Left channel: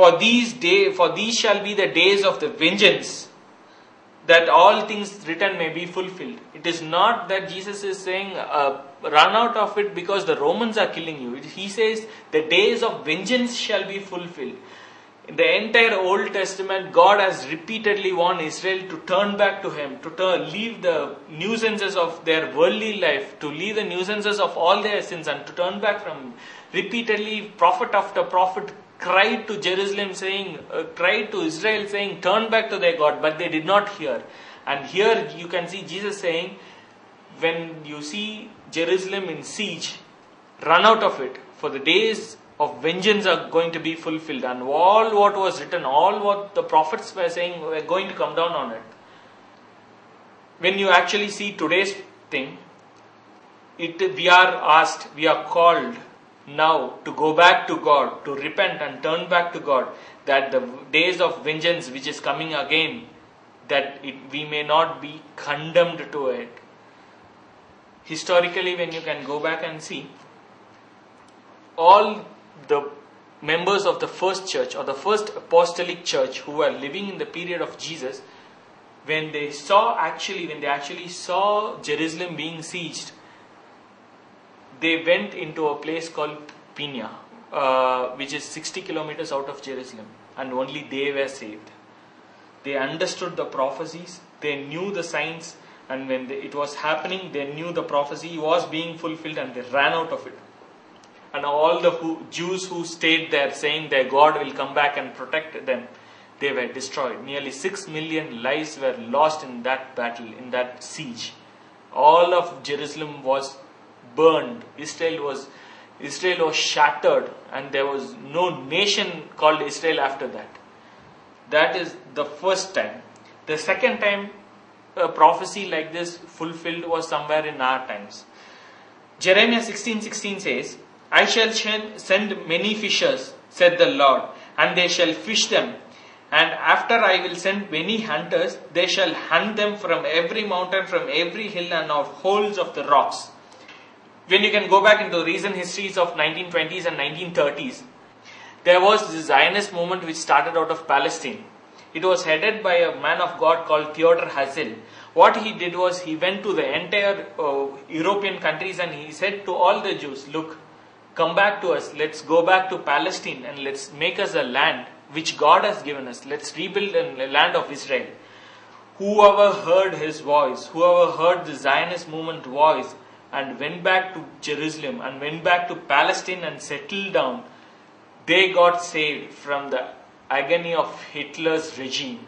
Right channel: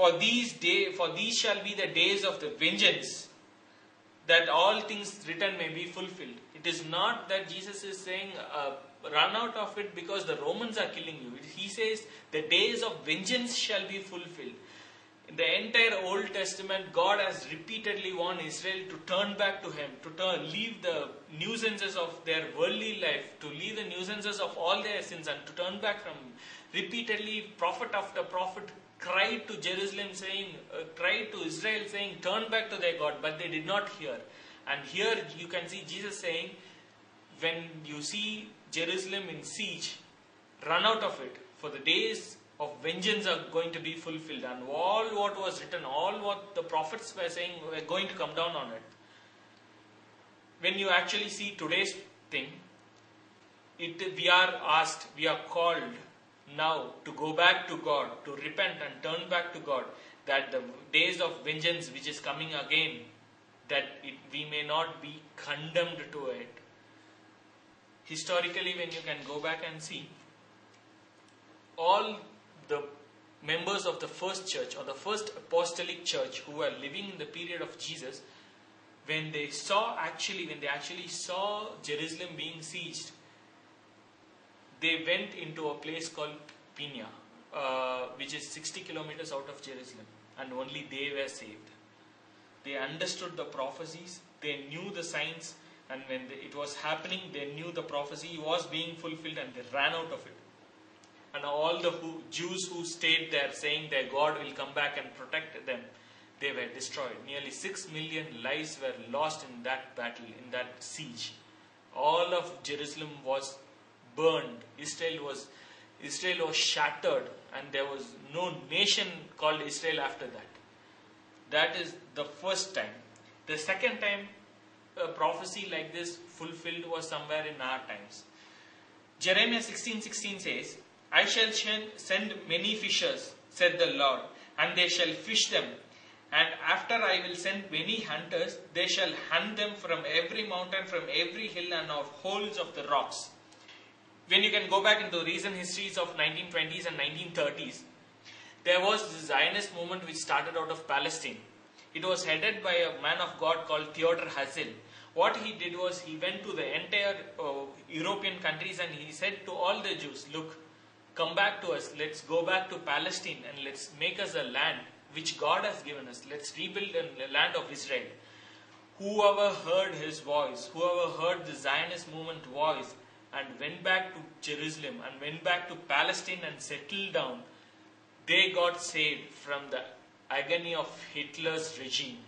For these shall be the days of the vengeance, that all things written may be fulfilled. It is not that Jesus is saying, run out of it because the Romans are killing you. He says, the days of vengeance shall be fulfilled. In the entire Old Testament, God has repeatedly warned Israel to turn back to Him, to leave the nuisances of their worldly life, to leave the nuisances of all their sins and to turn back from Him. Repeatedly, prophet after prophet cried to Jerusalem saying, cried to Israel saying, turn back to their God, but they did not hear. And here you can see Jesus saying, when you see Jerusalem in siege, run out of it, for the days of vengeance are going to be fulfilled, and all what was written, all what the prophets were saying were going to come down on it. When you actually see today's thing, we are called now to go back to God, to repent and turn back to God, that the days of vengeance which is coming again, we may not be condemned to it. Historically, when you can go back and see, all the members of the first church or the first apostolic church who were living in the period of Jesus, when they actually saw Jerusalem being sieged, they went into a place called Pina, which is 60 kilometers out of Jerusalem, and only they were saved. They understood the prophecies, they knew the signs, and when it was happening, they knew the prophecy was being fulfilled, and they ran out of it. And all the Jews who stayed there saying their God will come back and protect them, they were destroyed. Nearly 6 million lives were lost in that battle, in that siege. All of Jerusalem was burned. Israel was shattered, and there was no nation called Israel after that. That is the first time. The second time a prophecy like this fulfilled was somewhere in our times. Jeremiah 16:16 says, I shall send many fishers, said the Lord, and they shall fish them. And after I will send many hunters, they shall hunt them from every mountain, from every hill, and of holes of the rocks. When you can go back into recent histories of 1920s and 1930s, there was this Zionist movement which started out of Palestine. It was headed by a man of God called Theodor Herzl. What he did was he went to the entire European countries and he said to all the Jews, look, come back to us, let's go back to Palestine and let's make us a land which God has given us. Let's rebuild a land of Israel. Whoever heard his voice, whoever heard the Zionist movement voice and went back to Jerusalem and went back to Palestine and settled down, they got saved from the agony of Hitler's regime.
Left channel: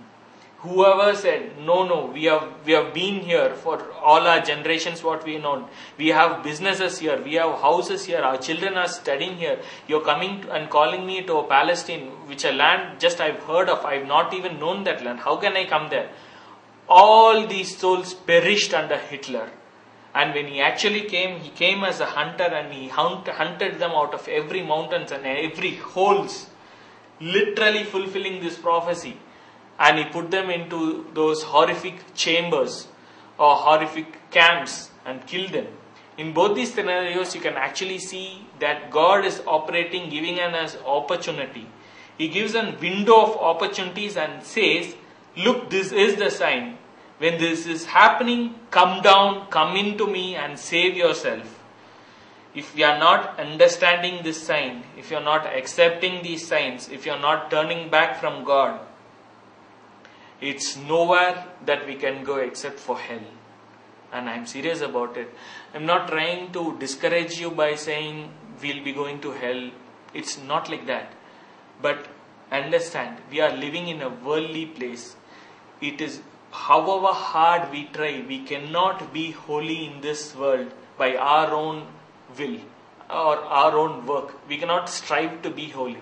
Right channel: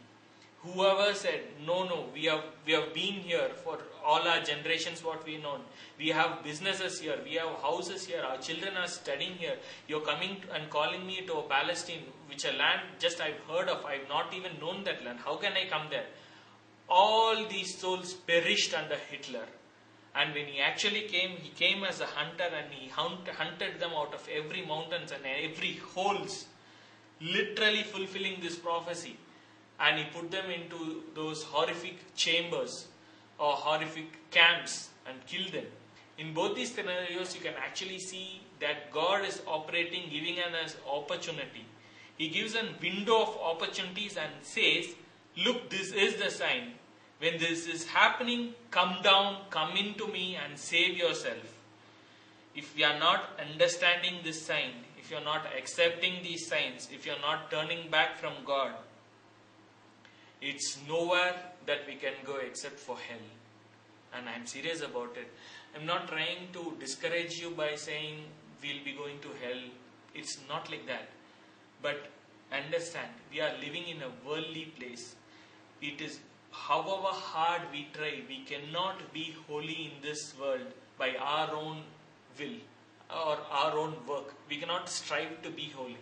Whoever said, no, we have been here for all our generations, what we know. We have businesses here, we have houses here, our children are studying here. You're coming and calling me to a Palestine, which a land just I've heard of. I've not even known that land. How can I come there? All these souls perished under Hitler. And when he actually came, he came as a hunter and he hunted them out of every mountains and every holes, literally fulfilling this prophecy. And he put them into those horrific chambers or horrific camps and killed them. In both these scenarios, you can actually see that God is operating, giving us opportunity. He gives a window of opportunities and says, look, this is the sign. When this is happening, come down, come into me and save yourself. If you are not understanding this sign, if you are not accepting these signs, if you are not turning back from God, it's nowhere that we can go except for hell. And I'm serious about it. I'm not trying to discourage you by saying we'll be going to hell. It's not like that. But understand, we are living in a worldly place. It is, however hard we try, we cannot be holy in this world by our own will or our own work. We cannot strive to be holy.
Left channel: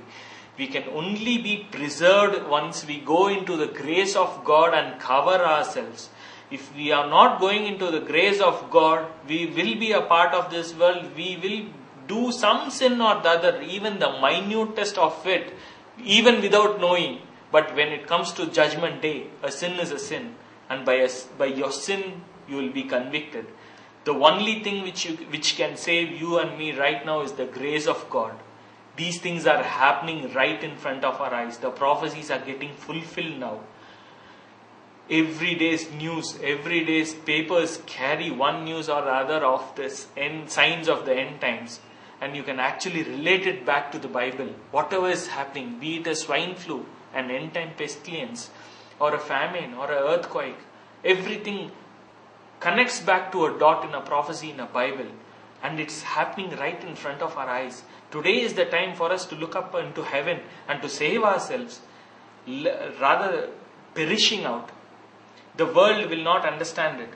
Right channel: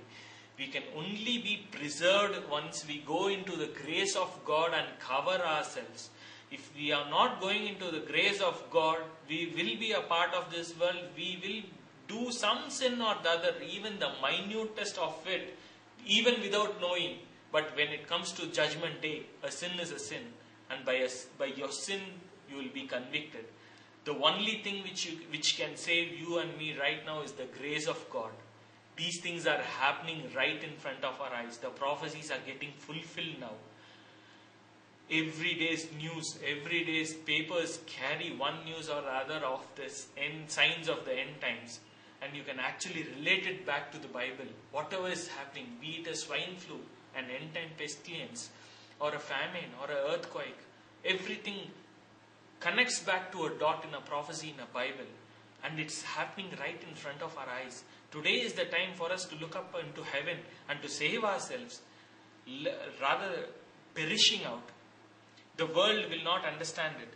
We can only be preserved once we go into the grace of God and cover ourselves. If we are not going into the grace of God, we will be a part of this world. We will do some sin or the other, even the minutest of it, even without knowing. But when it comes to judgment day, a sin is a sin. And by your sin, you will be convicted. The only thing which can save you and me right now is the grace of God. These things are happening right in front of our eyes. The prophecies are getting fulfilled now. Every day's news, every day's papers carry one news or other of this signs of the end times. And you can actually relate it back to the Bible. Whatever is happening, be it a swine flu, an end time pestilence, or a famine, or an earthquake, everything connects back to a dot in a prophecy in a Bible. And it's happening right in front of our eyes. Today is the time for us to look up into heaven and to save ourselves, rather perishing out. The world will not understand it.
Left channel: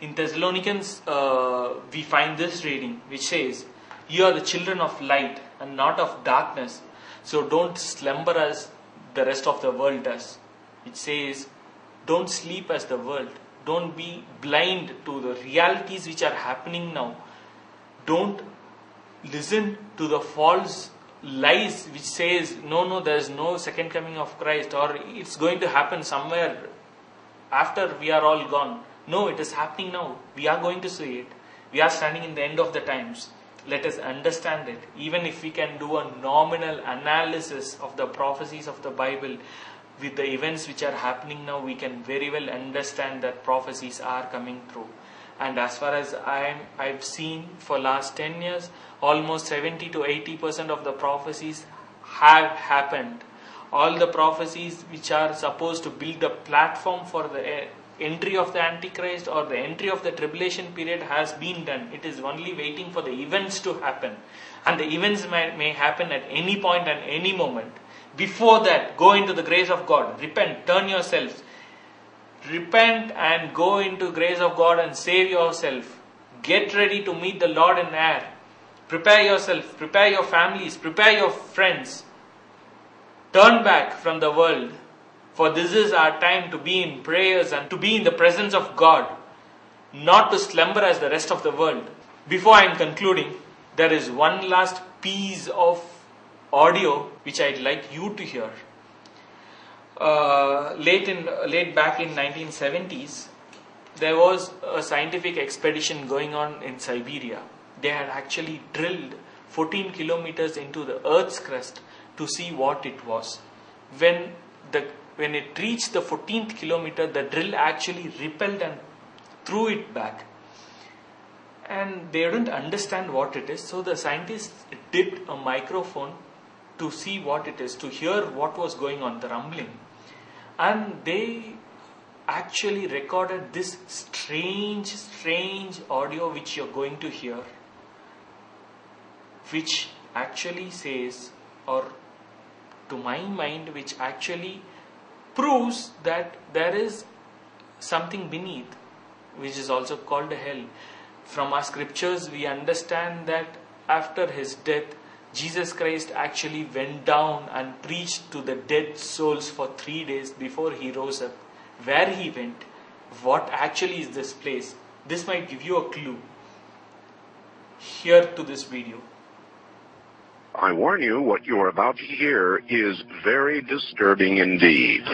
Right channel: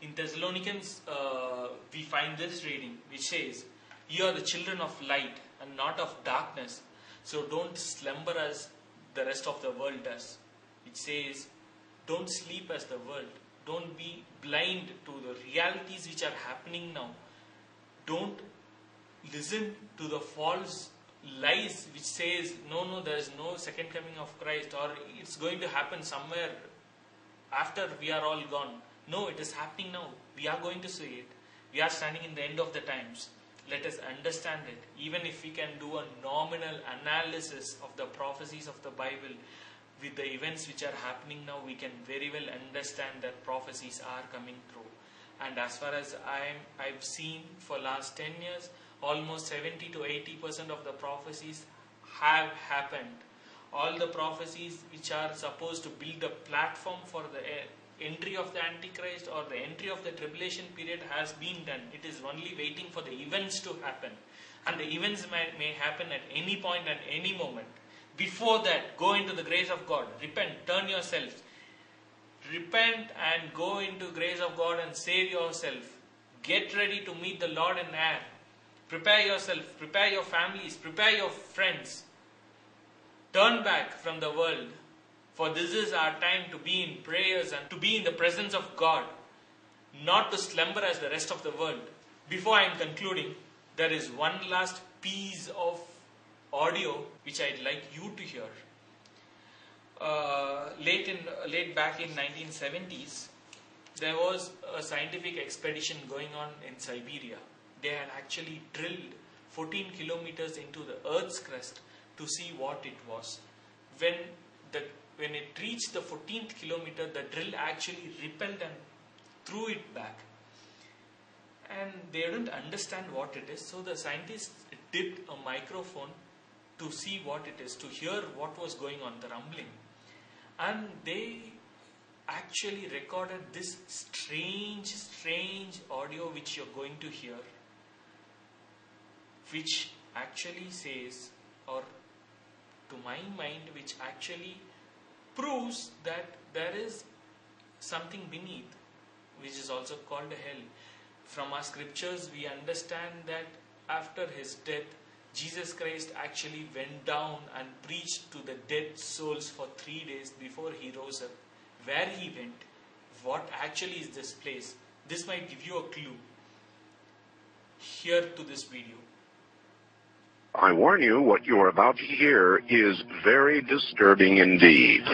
In Thessalonians, we find this reading which says, "You are the children of light and not of darkness, so don't slumber as the rest of the world does." It says, don't sleep as the world. Don't be blind to the realities which are happening now. Don't listen to the false lies which says, no, there is no second coming of Christ, or it's going to happen somewhere after we are all gone. No, it is happening now. We are going to see it. We are standing in the end of the times. Let us understand it. Even if we can do a nominal analysis of the prophecies of the Bible with the events which are happening now, we can very well understand that prophecies are coming true. And as far as I've seen for last 10 years, almost 70 to 80% of the prophecies have happened. All the prophecies which are supposed to build the platform for the entry of the Antichrist or the entry of the tribulation period has been done. It is only waiting for the events to happen. And the events may happen at any point and any moment. Before that, go into the grace of God. Repent, turn yourselves. Repent and go into grace of God and save yourself. Get ready to meet the Lord in air. Prepare yourself, prepare your families, prepare your friends. Turn back from the world, for this is our time to be in prayers and to be in the presence of God, not to slumber as the rest of the world. Before I am concluding, there is one last piece of audio which I'd like you to hear. Late back in 1970s, there was a scientific expedition going on in Siberia. They had actually drilled 14 kilometers into the Earth's crust to see what it was. When it reached the 14th kilometer, the drill actually repelled and threw it back. And they didn't understand what it is. So the scientists dipped a microphone to see what it is, to hear what was going on, the rumbling. And they actually recorded this strange audio which you're going to hear, which actually says, or to my mind, which actually proves that there is something beneath, which is also called hell. From our scriptures, we understand that after his death, Jesus Christ actually went down and preached to the dead souls for 3 days before he rose up. Where he went, what actually is this place? This might give you a clue. Here to this video. I warn you, what you are about to hear is very disturbing indeed.